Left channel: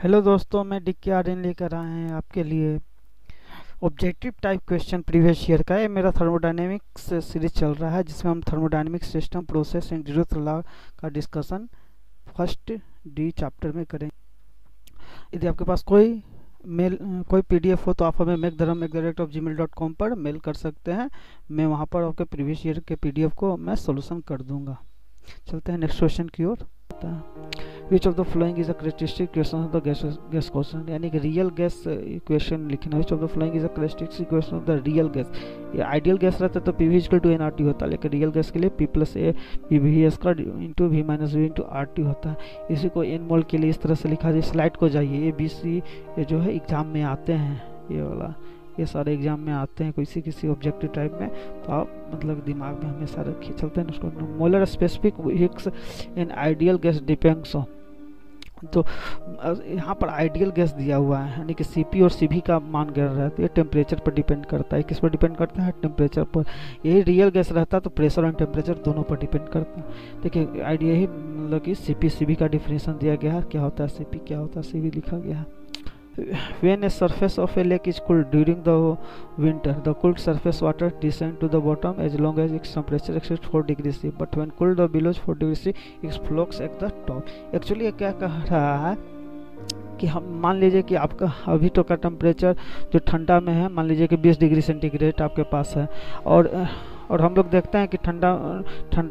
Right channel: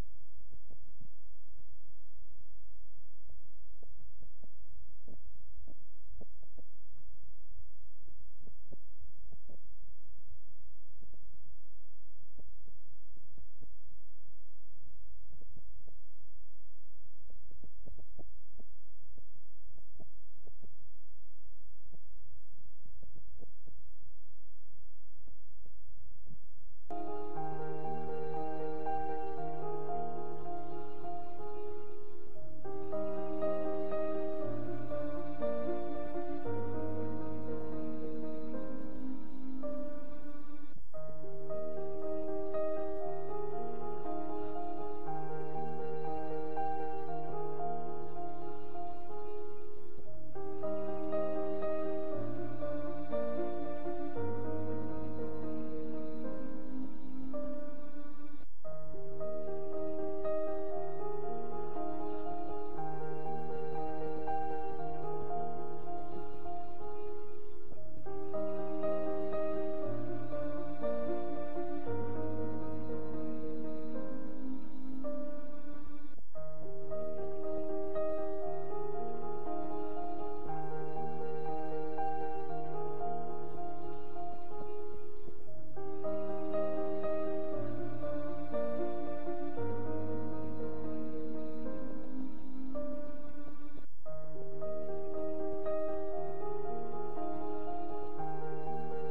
Hello दोस्तों, मैं dicky Aryan लेकर आए हैं आपके लिए objective type question previous year का। ये मेरा थर्मोडायनेमिक्स सीरीज चल रहा है जिसमें हम thermodynamic system process and zero law का डिस्कशन फर्स्ट डी चैप्टर में करेंगे। यदि आपके पास कोई पीडीएफ हो तो आप हमें megdharam@gmail.com पर मेल कर सकते हैं। मैं वहां पर आपके प्रीवियस ईयर के पीडीएफ को मैं सोल्यूशन कर दूंगा। चलते हैं नेक्स्ट क्वेश्चन की ओर। Which of the following is a characteristic equation of the gas question, यानी कि रियल गैस इक्वेशन लिखना। Which of the following is a characteristic equation of the real gas. ये आइडियल गैस रहता तो PV equal to NRT होता, लेकिन real gas के लिए P plus a PV square into V minus V into RT होता है। इसी को एन मोल के लिए इस तरह से लिखा जाए। स्लाइड को जाइए। ये बीसी ये जो है एग्जाम में आते हैं, ये वाला ये सारे एग्जाम में आते हैं किसी ऑब्जेक्टिव टाइप में, तो आप मतलब दिमाग में हमेशा रखिए। चलते हैं इसको। Molar specific heats in ideal gas depends on, तो यहाँ पर आइडियल गैस दिया हुआ है, यानी कि सीपी और सीवी का मान गिर रहा है तो ये टेम्परेचर पर डिपेंड करता है। किस पर डिपेंड करता है? टेम्परेचर पर। यही रियल गैस रहता तो प्रेशर और टेम्परेचर दोनों पर डिपेंड करता है। देखिए आइडिया ही मतलब कि सीपी सीवी का डिफिनेशन दिया गया है, क्या होता है सीपी, क्या होता है सीवी लिखा गया है। When a surface of a lake is cooled during the winter, the cooled surface water descends to the bottom as long as its temperature exceeds 4 degrees C. But when cooled below 4 degrees C, it floats at the top. Actually ये क्या कह रहा है कि हम मान लीजिए कि आपका अभी तो का टेम्परेचर जो ठंडा में है, मान लीजिए कि 20 डिग्री सेंटीग्रेड आपके पास है, और हम लोग देखते हैं कि ठंडा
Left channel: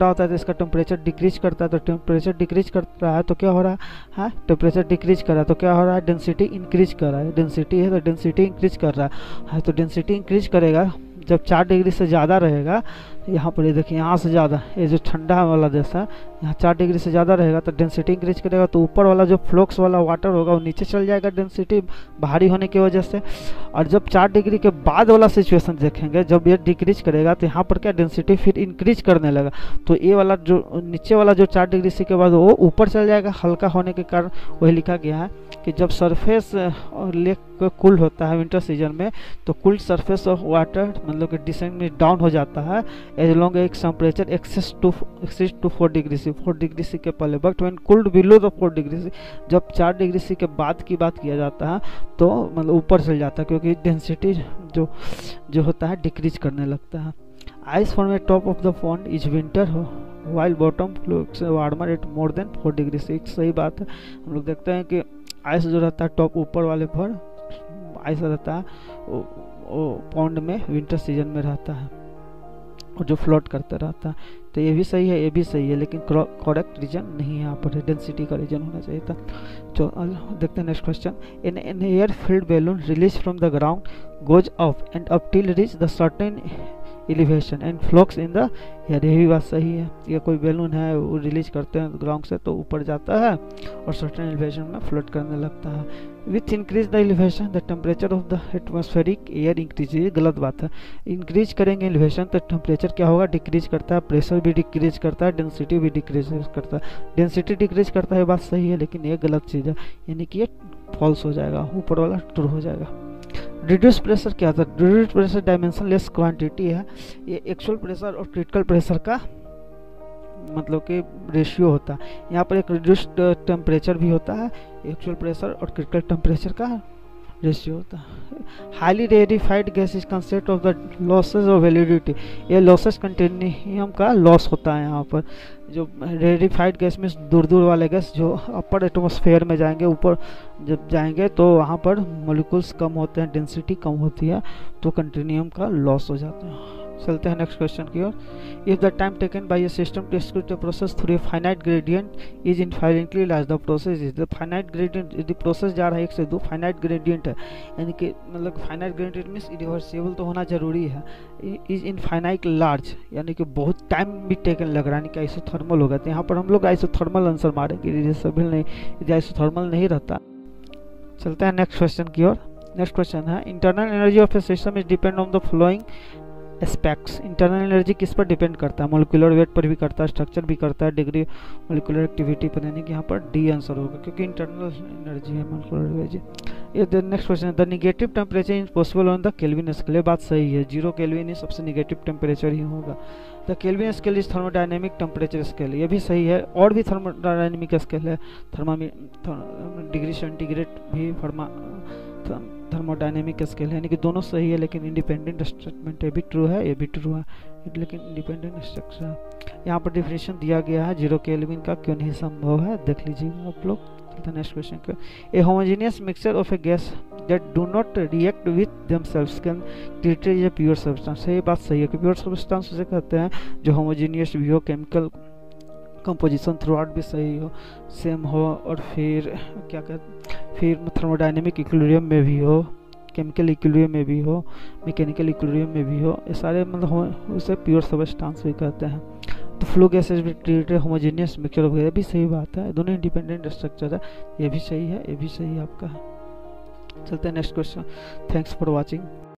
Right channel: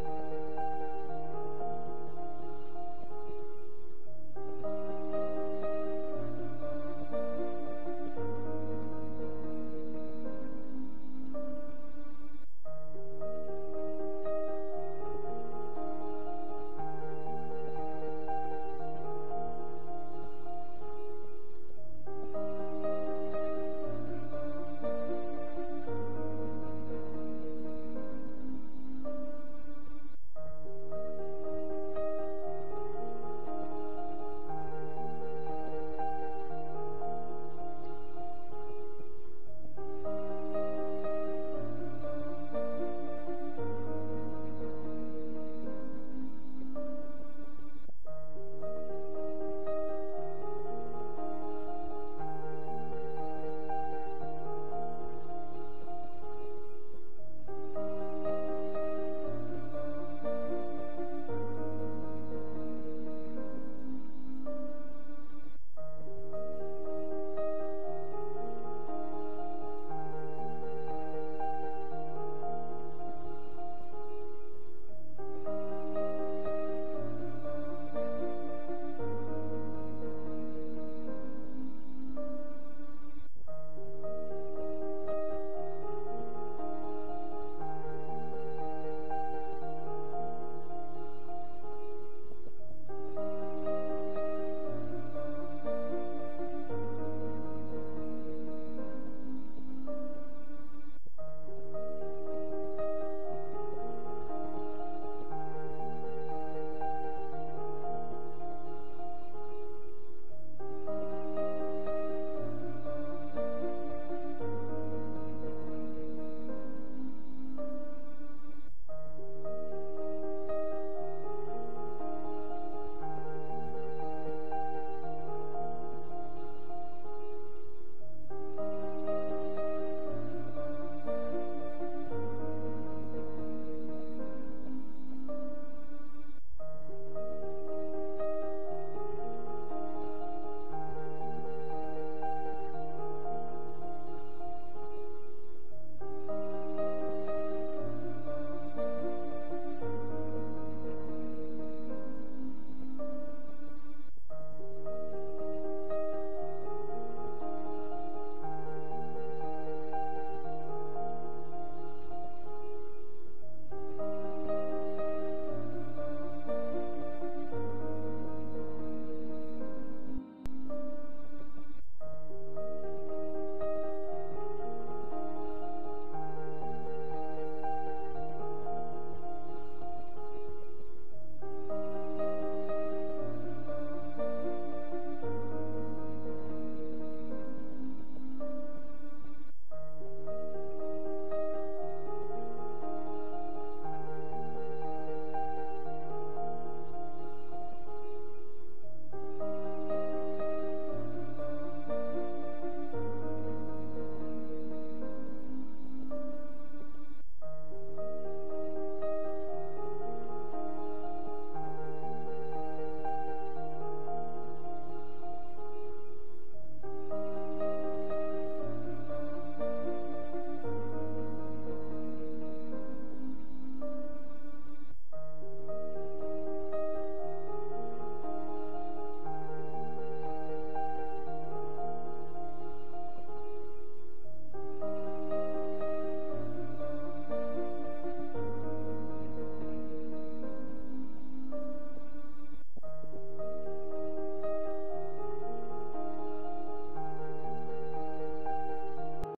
होता है तो इसका टेम्परेचर डिक्रीज करता है। तो टेम्परेचर डिक्रीज कर रहा है तो क्या हो रहा है? टेम्परेचर डिक्रीज कर रहा है तो क्या हो रहा है? डेंसिटी इंक्रीज कर रहा है। डेंसिटी है तो डेंसिटी इंक्रीज कर रहा है, तो डेंसिटी इंक्रीज करेगा जब 4 डिग्री से ज़्यादा रहेगा। यहाँ पर ये देखिए, यहाँ से ज़्यादा, ये जो ठंडा वाला देश है यहाँ 4 डिग्री से ज़्यादा रहेगा तो डेंसिटी इंक्रीज करेगा, तो ऊपर वाला जो फ्लोक्स वाला वाटर होगा वो नीचे चल जाएगा डेंसिटी भारी होने की वजह से। और जब 4 डिग्री के बाद वाला सिचुएशन देखेंगे, जब ये डिक्रीज करेगा तो यहाँ पर क्या डेंसिटी फिर इंक्रीज करने लगा, तो ये वाला जो नीचे वाला जो 4 डिग्री सी के बाद वो ऊपर चल जाएगा हल्का होने के कारण। वही लिखा गया है कि जब सरफेस लेक कूल होता है विंटर सीजन में, तो कूल्ड सरफेस ऑफ वाटर मतलब कि डिसेंड में डाउन हो जाता है एज लॉन्ग एक temperature excess to 4 degree C, 4 degree C के पहले। But when cooled below the 4 degree C, जब 4 डिग्री सी के बाद की बात किया जाता है तो मतलब ऊपर चल जाता है, क्योंकि डेंसिटी जो होता है डिक्रीज करने लगता है। Ice form at top of the pond is winter हो while bottom flows warmer at more than 4 degree से। सही बात है। हम लोग देखते हैं कि आइस जो रहता है टॉप ऊपर वाले पर आइस रहता है वो पॉन्ड में विंटर सीजन में रहता है और जो फ्लोट करता रहता है। तो ये भी सही है, ये भी सही है, लेकिन करेक्ट रीजन नहीं है यहाँ पर, डेंसिटी का रीजन होना चाहिए था। जो देखते हैं next question. In air filled balloon release from the ground goes up and up till reach the certain elevation and flocs in the air. ये भी बात सही है। ये कोई बैलून है वो रिलीज करते हैं ग्राउंड से तो ऊपर जाता है और सर्टेन एलिवेशन में फ्लोट करने लगता है। With increase the elevation the temperature of the atmospheric air increase. ये गलत बात है। इंक्रीज करेंगे एलिवेशन तो टेम्परेचर क्या होगा? डिक्रीज करता है, प्रेशर भी डिक्रीज करता है, डेंसिटी भी डिक्रीज करता है। डेंसिटी डिक्रीज करता है, बात सही है, लेकिन ये गलत चीज़ है, यानी कि ये फॉल्स हो जाएगा, ऊपर वाला ट्रू हो जाएगा। रिड्यूस प्रेशर क्या था? Reduce pressure dimension less quantity है। ये एक्चुअल प्रेशर और क्रिटिकल प्रेशर का मतलब कि रेशियो होता है। यहाँ पर एक रिड्यूस्ड टेम्परेचर भी होता है, एक्चुअल प्रेशर और क्रिटिकल टेम्परेचर का रेशियो होता है। Highly rarefied gas is concept of the losses of validity. ये लॉसेस कंटिन्यूम का लॉस होता है। यहाँ पर जो रेरिफाइड गैस में दूर वाले गैस जो अपर एटमॉस्फेयर में जाएंगे, ऊपर जब जाएंगे तो वहाँ पर मॉलिक्यूल्स कम होते हैं, डेंसिटी कम होती है, तो कंटिन्यूम का लॉस हो जाता है। चलते हैं नेक्स्ट क्वेश्चन की ओर। If the time taken by a system to execute the process through a finite gradient is infinitely large, the process is the finite gradient. यदि प्रोसेस जा रहा है 1 से 2, फाइनाइट ग्रेडियंट है, यानी कि मतलब फाइनाइट ग्रेडियंट मीन्स इरिवर्सिबल तो होना जरूरी है। इज इनफाइनाइट लार्ज, यानी कि बहुत टाइम भी टेकन लग रहा है, यानी कि आइसोथर्मल होगा। तो यहाँ पर हम लोग आइसोथर्मल आंसर मारेंगे, रिवर्सिबल नहीं। यदि आइसोथर्मल नहीं रहता। चलते हैं नेक्स्ट क्वेश्चन की ओर। नेक्स्ट क्वेश्चन है internal energy of A system is depend on the flowing aspects. Internal energy किस पर डिपेंड करता है? मोलिकुलर वेट पर भी करता है, स्ट्रक्चर भी करता है, डिग्री मोलिकुलर एक्टिविटी पर, यानी कि यहाँ पर डी आंसर होगा, क्योंकि इंटरनल एनर्जी है मोलिकुलर एनर्जी। ये next question, the negative temperature is possible on the kelvin scale. ये बात सही है, 0 केल्विन ही सबसे निगेटिव टेम्परेचर ही होगा। The kelvin scale is thermodynamic temperature scale, ये भी सही है। और भी थर्मोडायनेमिक स्केल है, डिग्री सेंटीग्रेड भी थर्मोडायनेमिक स्केल है, यानी कि दोनों सही है, लेकिन इंडिपेंडेंट स्टेटमेंट ये भी ट्रू है, ये भी ट्रू है, लेकिन इंडिपेंडेंट स्ट्रक्चर है। यहाँ पर डिफिनेशन दिया गया है 0 केल्विन का, क्यों नहीं संभव है, देख लीजिए आप लोग। नेक्स्ट क्वेश्चन का, a homogeneous mixture of a gas that do not react with themselves can treated as a pure substance. ये बात सही है कि प्योर सब्सटेंस उसे कहते हैं जो होमोजेनियस भी हो, केमिकल कंपोजिशन थ्रू आउट भी सही हो, सेम हो, और फिर क्या कहते, फिर थर्मोडायनेमिक इक्विलिब्रियम में भी हो, केमिकल इक्विलिब्रियम में भी हो, मैकेनिकल इक्विलिब्रियम में भी हो, ये सारे मतलब उसे प्योर सब्सटेंस भी कहते हैं। तो फ्लो गैसेज भी ट्रीटेड होमोजेनियस मिक्सचर ऑफ, ये भी सही बात है, दोनों इंडिपेंडेंट स्ट्रक्चर है, ये भी सही है, ये भी सही है आपका। चलते हैं next question. Thanks for watching.